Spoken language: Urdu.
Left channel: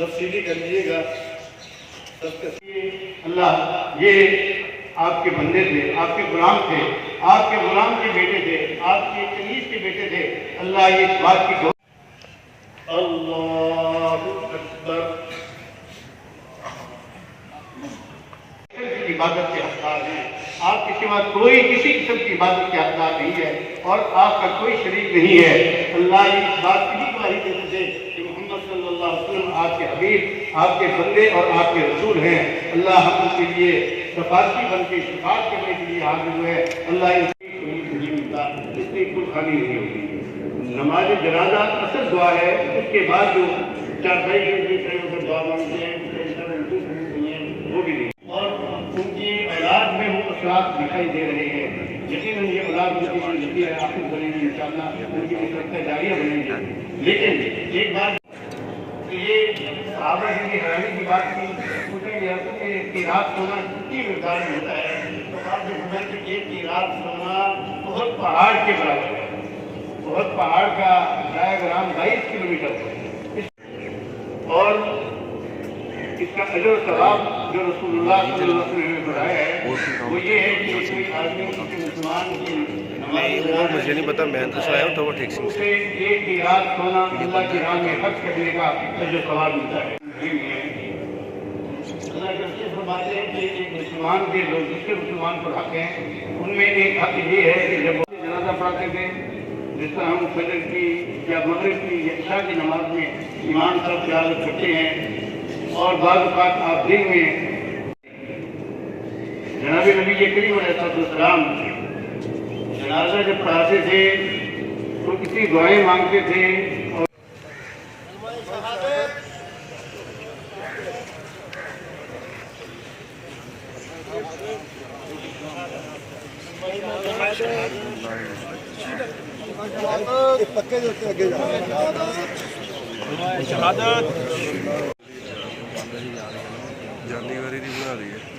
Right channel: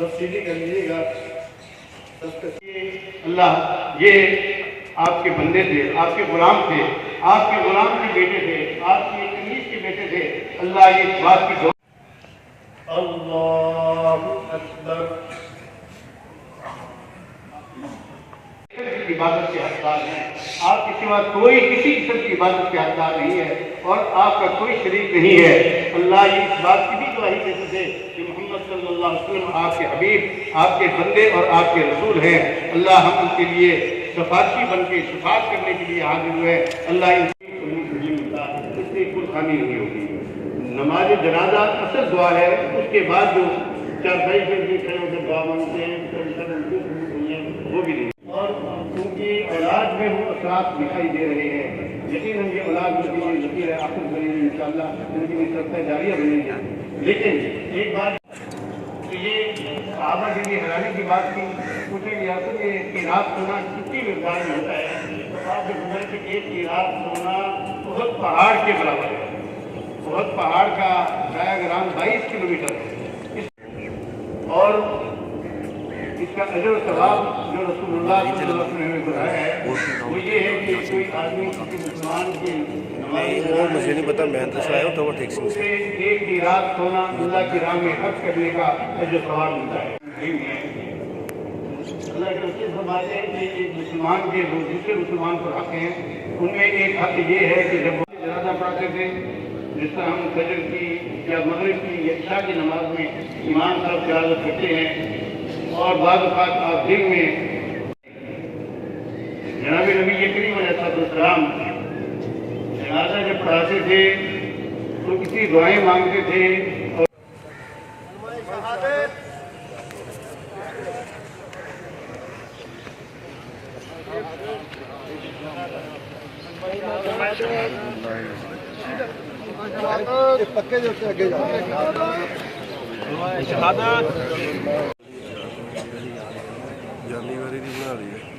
سبسڈی کر لیجیے گا. اللہ یہ آپ کے بندے تھے، آپ کے غلام تھے، آپ کے غلام کے بیٹے تھے، آپ کے کنیز کے بیٹے تھے. اللہ یہ اس بات کی اللہ اکبر عبادت کے حقدار ہیں. آپ کے سوا کوئی کسی قسم کی عبادت کے حقدار نہیں ہے اور آپ کا کوئی شریک نہیں ہے. اللہ یہ اس بات کی بھی گواہی دیتے تھے کہ محمد صلی اللہ علیہ وسلم آپ کے حبیب، آپ کے بندے اور آپ کے رسول ہیں. اللہ ہم ان کے لیے سفارشی بن کے شفاعت کرنے کے لیے حاضر ہوئے. اللہ ان کی ملتا اس لیے کوئی خالی نہیں ہوتی. نماز جنازہ اصل دعا ہے، اس کے بعد جو چارپائی کے لیے کھڑے ہو کر دعا مانگتے ہیں وہ بھی نہیں. اور ان کی اولاد میں وہ اثرات دکھائی دے رہے ہیں. یقین ان کی اولاد جو ہوتی ہے آخر بنے گی انشاءاللہ، ان کی مقدسہ جاریہ بنے گی. لیکن ایک بات یہ صحابہ کی حیرانی کی بات کی، پوچھا گیا تو کہ رات سونا کتنی مقدار میں ہوتا ہے؟ تو آپ جو بول کہ ایک رات سونا بہت پہاڑ کے برابر ہے. بہت پہاڑ کا ڈایاگرام 22 کلومیٹر ہے. اور اس کا اجر و ثواب جو رسول اللہ صلی اللہ علیہ وسلم نے ہے وہ یہ ہے کہ کوئی آدمی مسلمان کی وہ مجھے نہیں پتا، میں تو آیا ہوں ٹاور ٹیکسنگ سے. ایک ہی رات سونا اللہ کی راہ میں خرچ کرنے کا اجر و ثواب ملتا ہے. اللہ کے فرماتے ہیں کہ ایک مسلمان کے لوگ دوسرے مسلمان کے حق ہیں. ان میں ایک حق یہ ہے کہ جب جنازہ پڑھتے تھے، جس طرح ہم فجر کی یا مغرب کی یا عشاء کی نماز میں امام صاحب قیادت کرتے ہیں، اور بعض اوقات آپ دن میں جناب نبی کریم علیہ السلام جنازہ جب پڑھاتے تھے تو کسی دعائیں مانگتے تھے. اور پتے جو آگے جاندی والی نہیں بنا رہی ہے.